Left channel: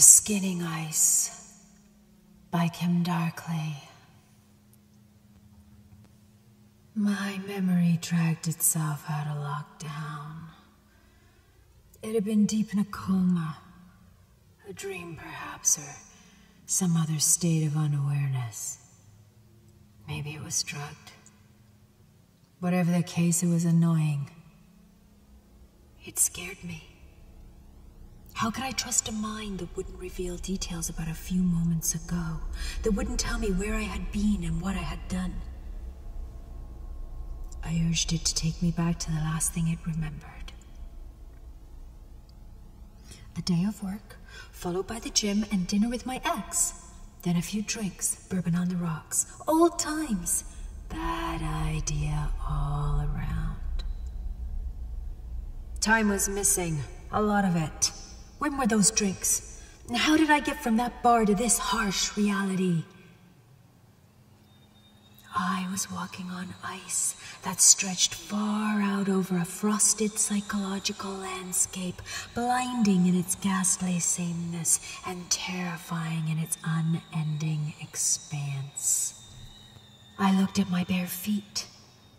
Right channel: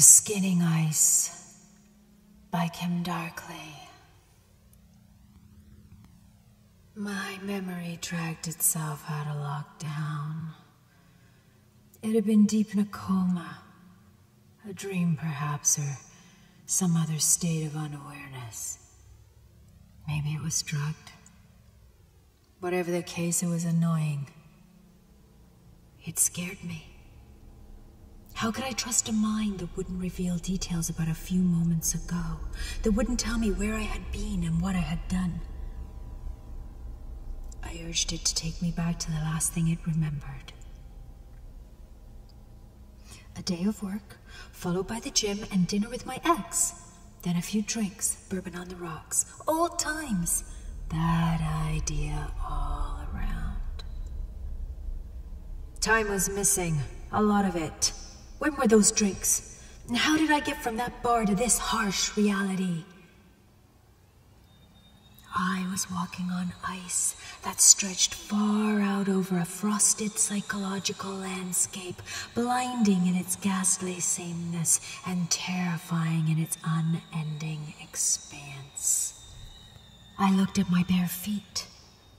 Skinning Ice by Kim Darkley. My memory dragged itself out of lockdown. It had been deep in a coma, a dream perhaps, or some other state of unawareness. Maybe it was drugged. Whatever the case, it was annoying. It scared me. How could I trust a mind that wouldn't reveal details about a few moments ago, that wouldn't tell me where I had been and what I had done? I urged it to take me back to the last thing it remembered. A day of work, followed by the gym and dinner with my ex. Then a few drinks, bourbon on the rocks. Old times. That idea all around. Time was missing, a lot of it. When were those drinks? And how did I get from that bar to this harsh reality? I was walking on ice that stretched far out over a frosted psychological landscape, blinding in its ghastly sameness and terrifying in its unending expanse. I looked at my bare feet.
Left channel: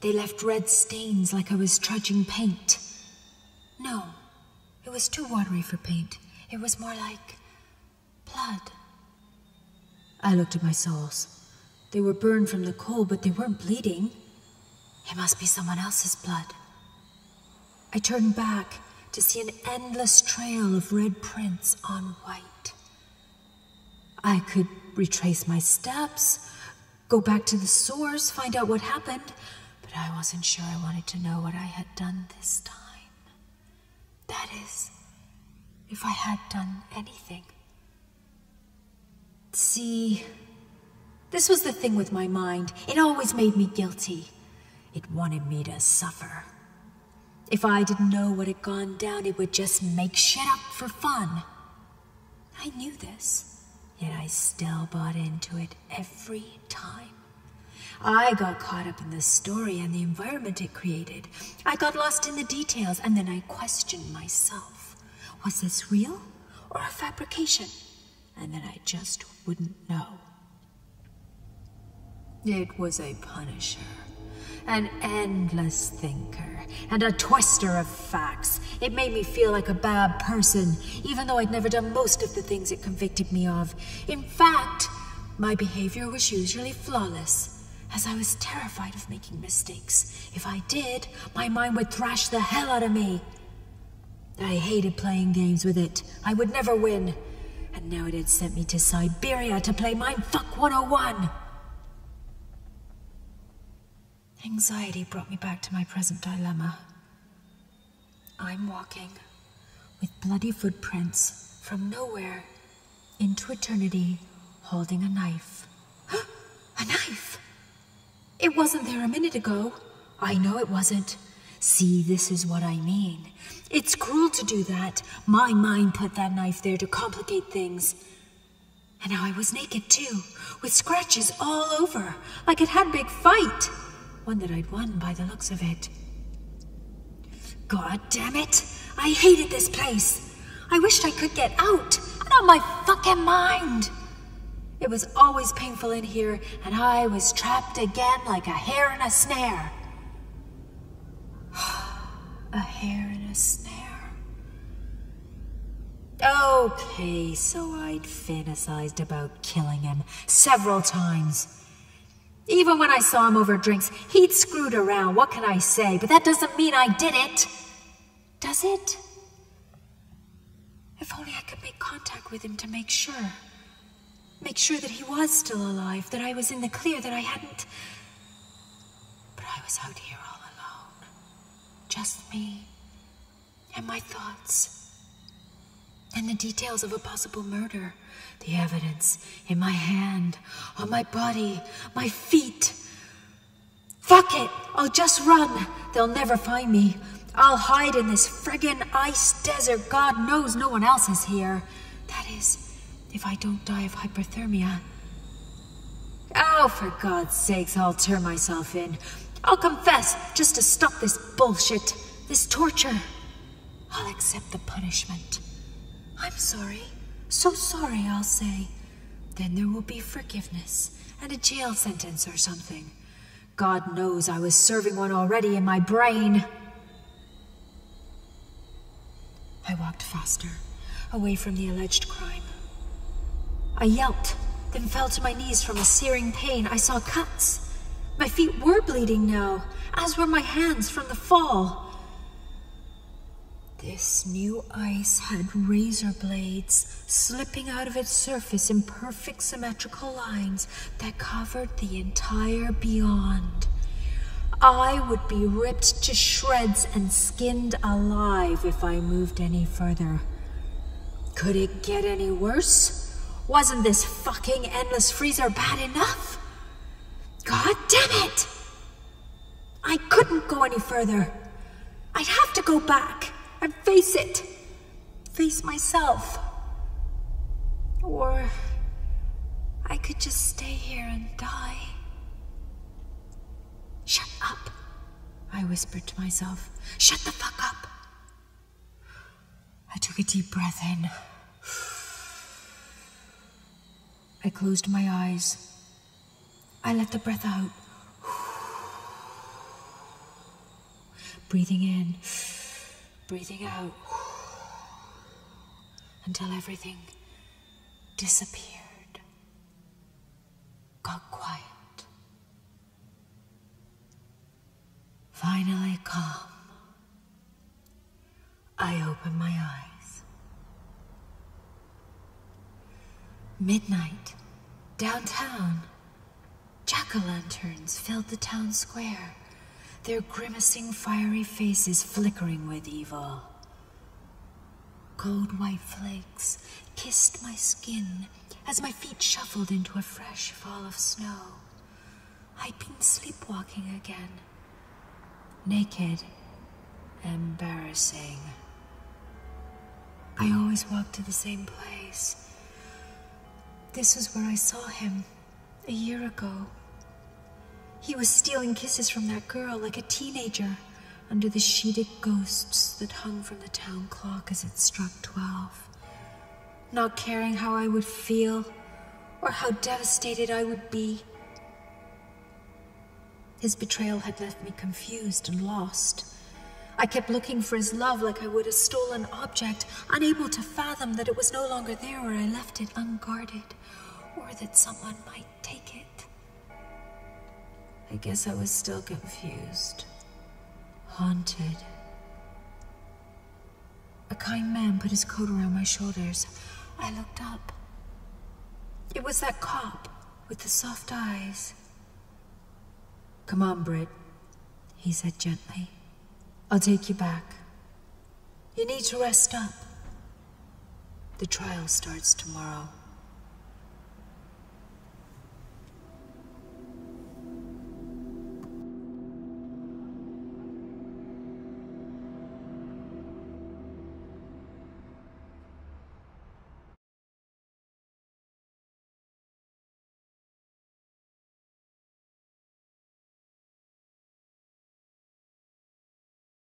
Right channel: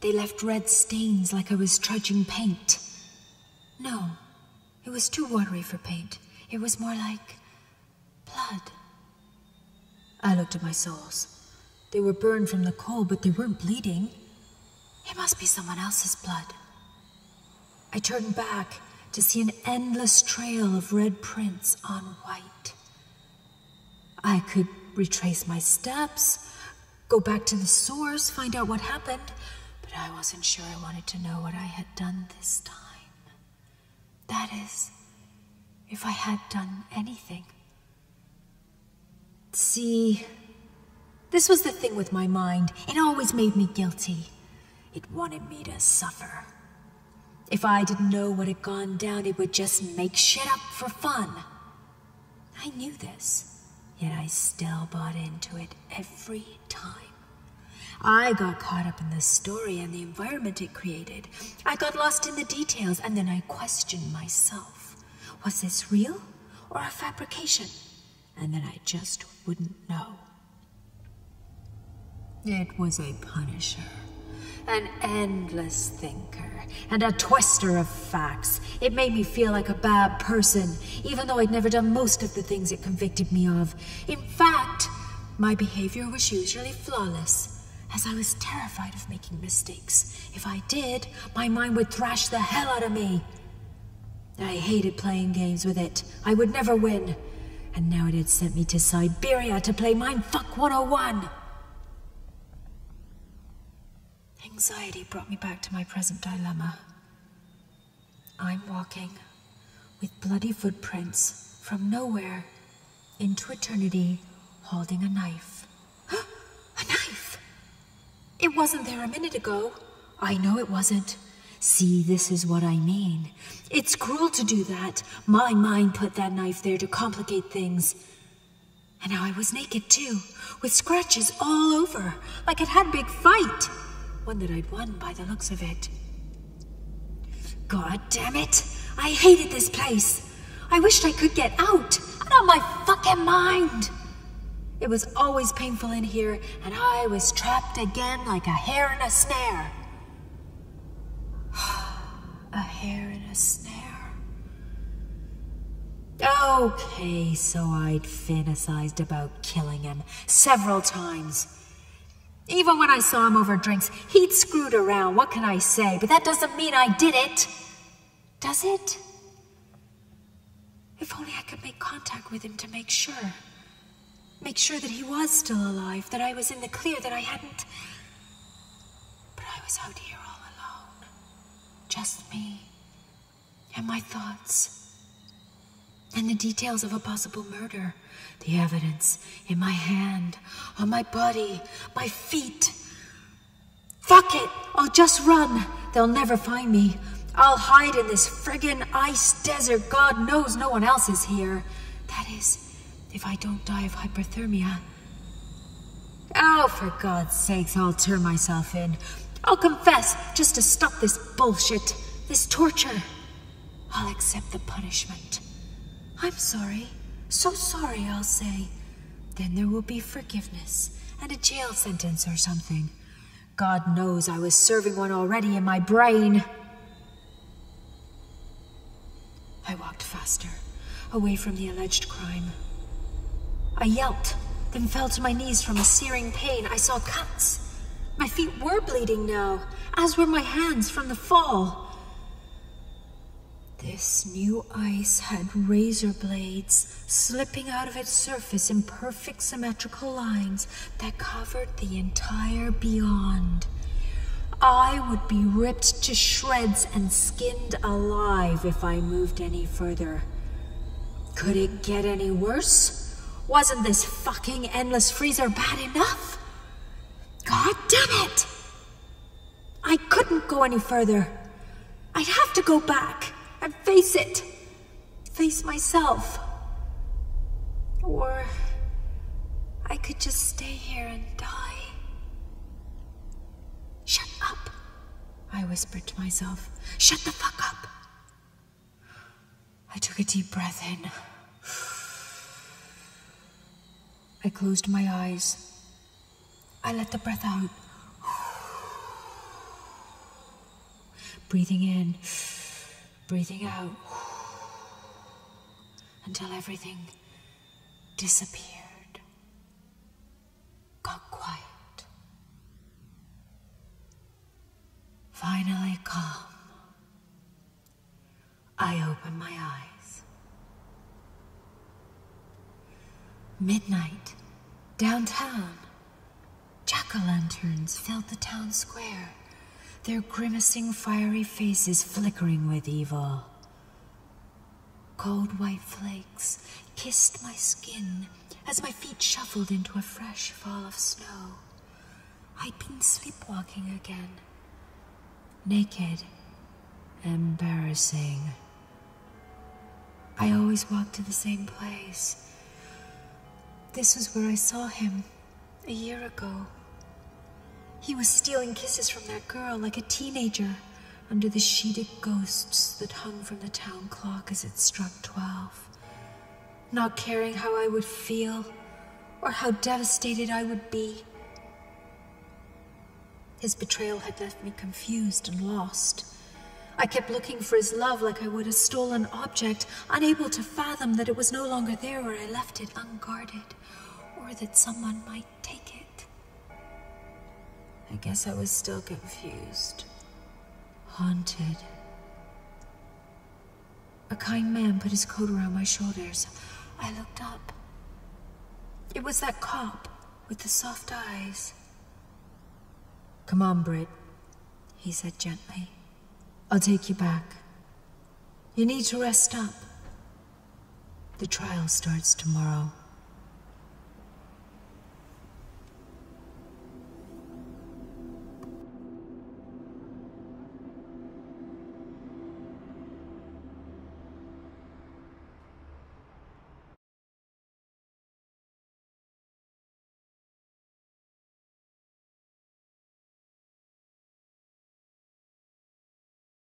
They left red stains like I was trudging paint. No. It was too watery for paint. It was more like blood. I looked at my soles. They were burned from the cold, but they weren't bleeding. It must be someone else's blood. I turned back to see an endless trail of red prints on white. I could retrace my steps, go back to the source, find out what happened, but I wasn't sure I wanted to know what I had done this time. That is, if I had done anything. See, this was the thing with my mind. It always made me guilty. It wanted me to suffer. If I didn't know what had gone down, it would just make shit up for fun. I knew this, yet I still bought into it every time. I got caught up in the story and the environment it created. I got lost in the details, and then I questioned myself. Was this real or a fabrication? And then I just wouldn't know. It was a punisher, an endless thinker, and a twister of facts. It made me feel like a bad person, even though I'd never done most of the things it convicted me of. In fact, my behavior was usually flawless, as I was terrified of making mistakes. If I did, my mind would thrash the hell out of me. I hated playing games with it. I would never win. And now it had sent me to Siberia to play Mindfuck 101. Anxiety brought me back to my present dilemma. I'm walking with bloody footprints from nowhere into eternity, holding a knife. A knife! It wasn't there a minute ago. I know it wasn't. See, this is what I mean. It's cruel to do that. My mind put that knife there to complicate things. And now I was naked too, with scratches all over, like it had a big fight. One that I'd won by the looks of it. God damn it! I hated this place. I wished I could get out, out of my fucking mind. It was always painful in here, and I was trapped again like a hare in a snare. A hare in a snare. Okay, so I'd fantasized about killing him several times. Even when I saw him over drinks, he'd screwed around. What can I say? But that doesn't mean I did it. Does it? If only I could make contact with him to make sure. Make sure that he was still alive, that I was in the clear, that I hadn't... But I was out here all alone. Just me. And my thoughts. And the details of a possible murder. The evidence in my hand, on my body, my feet. Fuck it! I'll just run. They'll never find me. I'll hide in this friggin' ice desert. God knows no one else is here. That is... if I don't die of hypothermia. Oh, for God's sakes, I'll turn myself in. I'll confess, just to stop this bullshit, this torture. I'll accept the punishment. I'm sorry. So sorry, I'll say. Then there will be forgiveness and a jail sentence or something. God knows I was serving one already in my brain. I walked faster, away from the alleged crime. I yelped, then fell to my knees from a searing pain. I saw cuts. My feet were bleeding now, as were my hands from the fall. This new ice had razor blades slipping out of its surface in perfect symmetrical lines that covered the entire beyond. I would be ripped to shreds and skinned alive if I moved any further. Could it get any worse? Wasn't this fucking endless freezer bad enough? God damn it! I couldn't go any further. I'd have to go back and face it. Face myself. Or I could just stay here and die. Shut up, I whispered to myself. Shut the fuck up. I took a deep breath in. I closed my eyes. I let the breath out. Breathing in, breathing out, until everything disappeared, got quiet. Finally calm. I opened my eyes. Midnight, downtown. Jack-o'-lanterns filled the town square, their grimacing fiery faces flickering with evil. Cold white flakes kissed my skin as my feet shuffled into a fresh fall of snow. I'd been sleepwalking again. Naked, embarrassing. I always walked to the same place. This was where I saw him a year ago. He was stealing kisses from that girl like a teenager under the sheeted ghosts that hung from the town clock as it struck 12. Not caring how I would feel or how devastated I would be. His betrayal had left me confused and lost. I kept looking for his love like I would a stolen object, unable to fathom that it was no longer there where I left it unguarded, or that someone might take it. I guess I was still confused. Haunted. A kind man put his coat around my shoulders. I looked up. It was that cop with the soft eyes. Come on, Britt, he said gently. I'll take you back. You need to rest up. The trial starts tomorrow.